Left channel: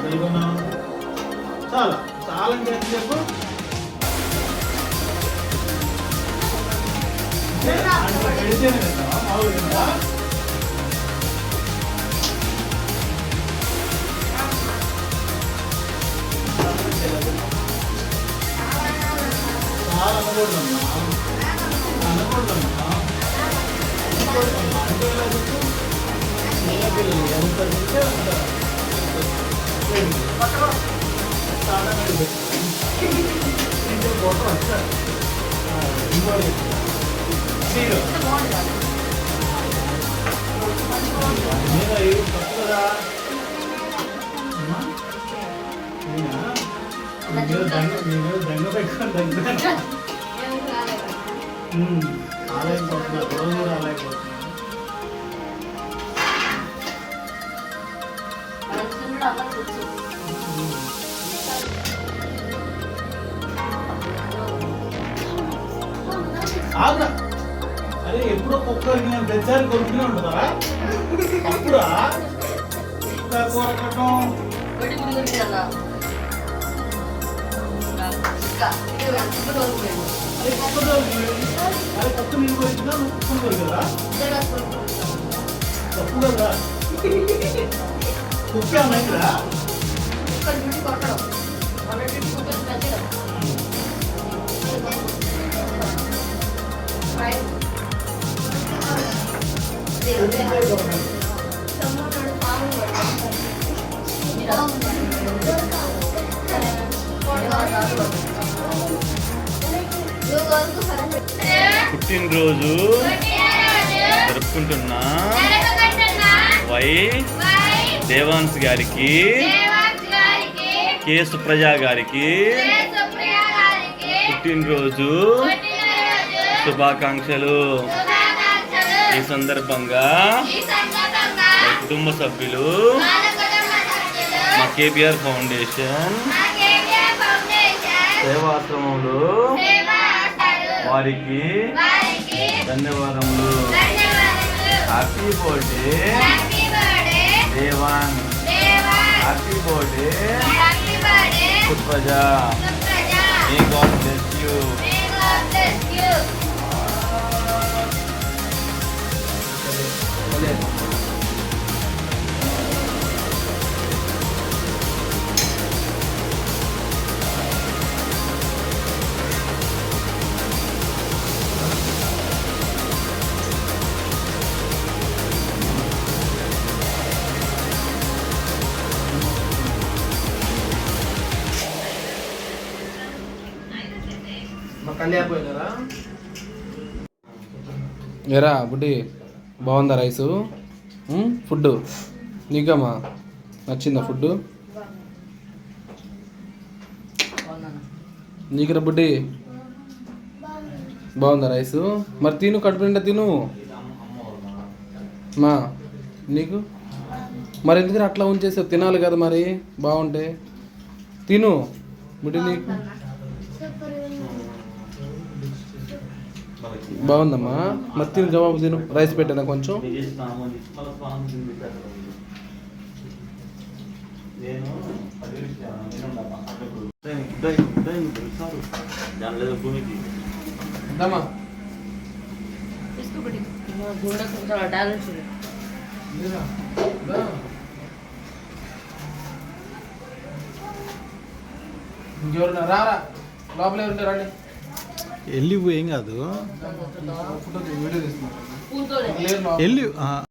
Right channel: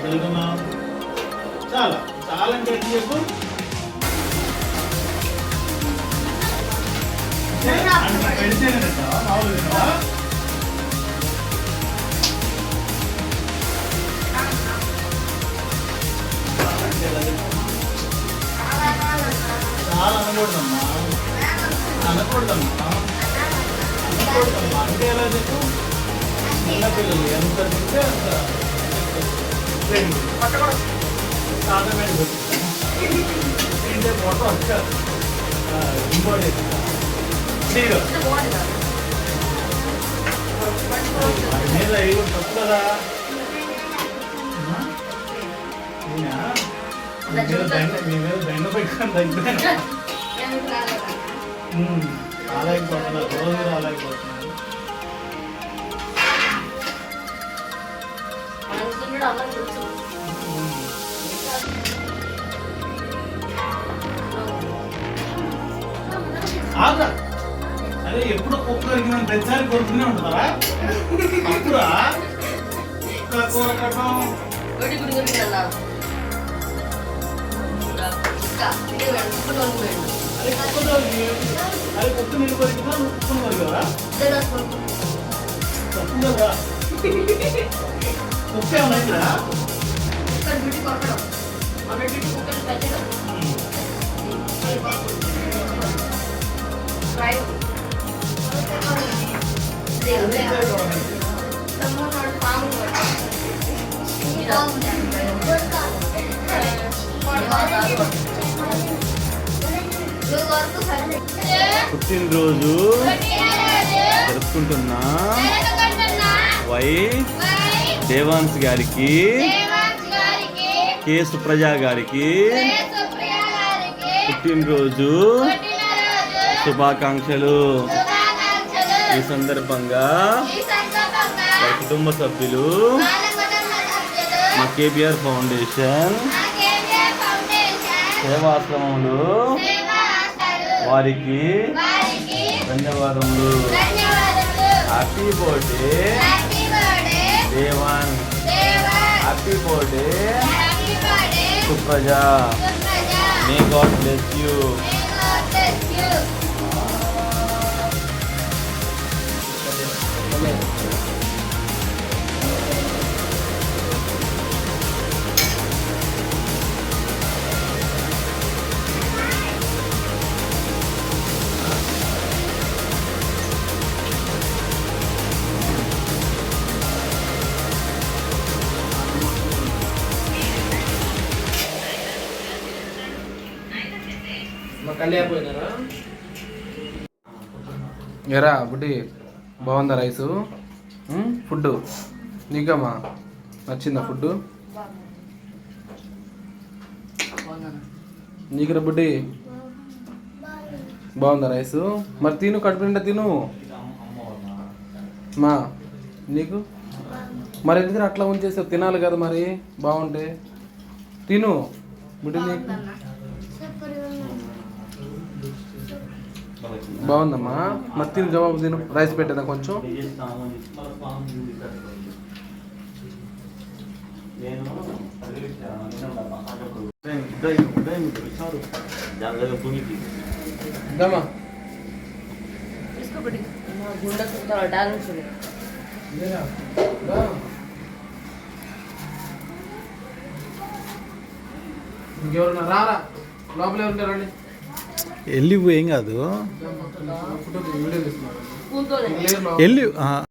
తెలుగున్నావు చాలా చాలా అంటే ఏంటి చెప్పు మామూలుగా చాలా అనకూడదమ్మా అనకూడదమ్మా అనకూడదమ్మా అంటే ఎలా చెప్పు చిన్నపిల్లలు ఎంత తింటే అంత ఆటోమేటిక్ తింటే ఫోటో వచ్చారు ఇంకోటి మీరు మీద ఏదో తప్పు కదా మీ మీద దండ పెట్టుకొని తగ్గిపోయినా రాలేకపోతున్నారు రోజు రాలేకపోతున్నారు ఆగ్రా అరే ఎప్పుడో కుక్క అడిగిన ప్రతిసారి కొడుకునే ఉంటుందా అప్పుడా కూర కట్టడం అరే కుక్క నీళ్ళు కొరికినా నువ్వు కుక్కను కొరికారా తప్పు కదా కుక్క ఏమన్నా పుట్టినరోజు జరుపుకుంటున్న వై దేవాన్స్ గారికి కే సుప్రజ గారికి పుట్టినరోజు శుభాకాంక్షలు. ఈ సందర్భంగా మా కుటుంబ సభ్యులు మా కేబిఆర్ ఫౌండేషన్ సేవాశ్రమంలో వారికి ధన్యవాదములు. Happy birthday Devan, happy birthday Supraja. May God bless you. ఎరా బుడ్డి బాగుందా రైసు ఫుడ్ నీకమ్మా నచ్చిందా ఫుడ్ నీకురా బుడ్డి బాగుందా రైసు మరి తిను కడుపు నిండా తిను మా నీకు మరి ఎందుకు అట్లా ఉంచేసావు తినాలి కదా మరి బాగుంటే తిను బుడ్డి నీకు బాగుందమ్మా మరి తిను జవాబు తిను రైస్ పెట్టేదా కొంచెం ఇంకెవరన్నా రారా లోపలే ఉంటారండి వెళ్ళిపోయి ఏం కాదు వెళ్ళి